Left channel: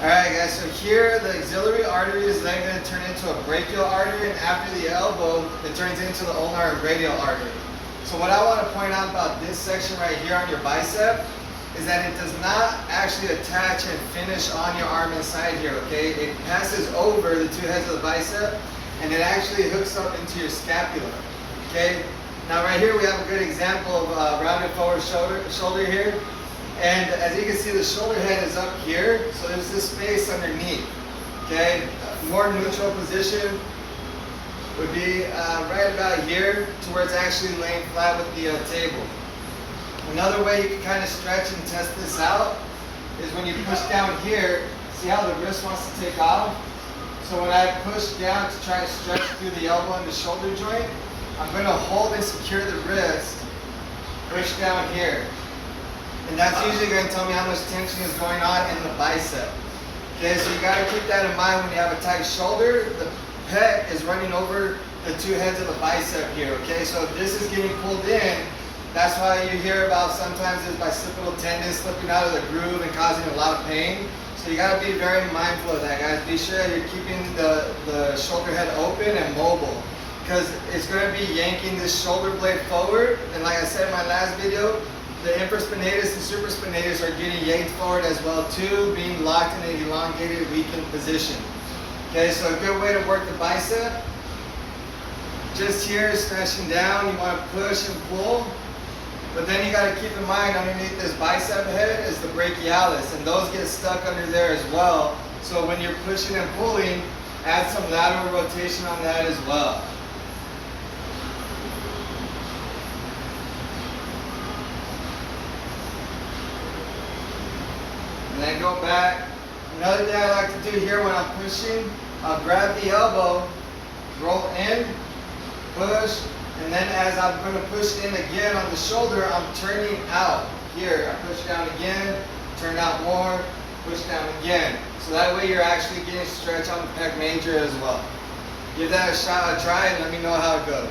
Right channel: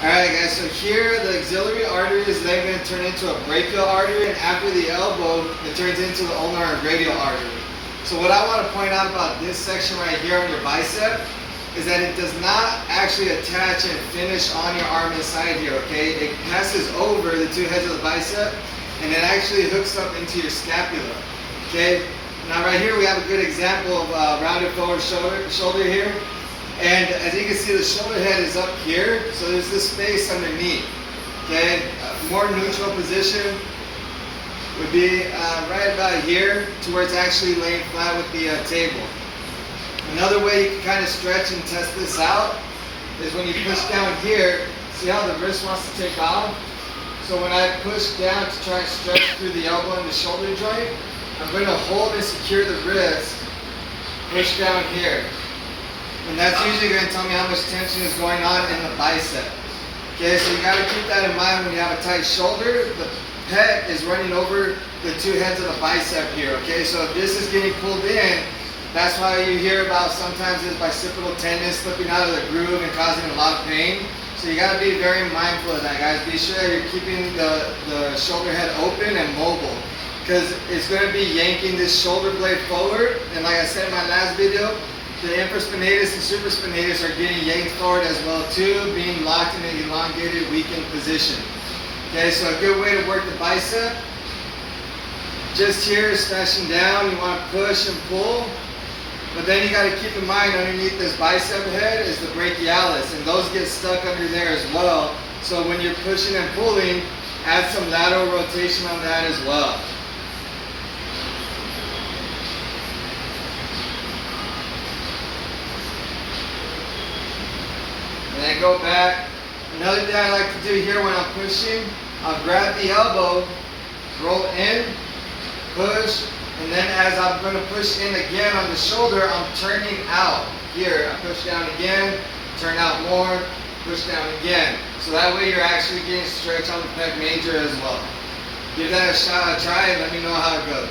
Alright guys, so here the axillary artery is then going to turn into a brachial artery, and after the elbow, it turns into the ulnar and radial artery. So what I want to point out about this section right here on your bicep is that it does not actually attach and finish on your arm inside here, okay? It passes over the two heads of the bicep, and it actually hooks up into your scapula, okay? Now right here we have a good example of rounded forward shoulder here. And as you can see, the shoulder head is up here, so there's this space underneath, okay? A more neutral position would be right about here to where it's actually laying flat with the table. Another way you can kind of stretch and test this out is when you push down here. See how the wrist wants to take off? So when I push down to try and stretch through the elbow and the shoulder joint, I'm going to hold and secure the wrist, push down here. And that's usually going to tell me how much tension is going on in the bicep. Okay, so you got to keep that in mind when you have a tight shoulder. The pec is running over the two heads of the bicep here. Okay, so if this is getting pulled in, that's why you hear about sometimes this bicipital tendon slipping out of the groove and causing a lot of pain. So you got to be very mindful of that, guys. Be sure that you're keeping the shoulder head open and mobile, because it's going to be yanking this shoulder blade forward. And like I said in my last video, the infraspinatus and supraspinatus are getting yanked forward as well too, being locked in an elongated, weakened position. Okay, so a good way to work the bicep, just here, smashing down, you want to push and pull, but then you got to keep in mind underneath this bicep head is the brachialis, and those get stuck under there as well. So when you're pushing and pulling, add some lateral rotation on that as well. And then go back. Another thing I like to do here when I'm pushing, I'll grab the elbow, roll in, push, and then as I'm going to push in again on the shoulder, I'm turning out. Here, I push down again, turn out more, push down again. So that way you're actually getting stretch on the pec major as well. Give that a shot, a try, and let me know how it goes.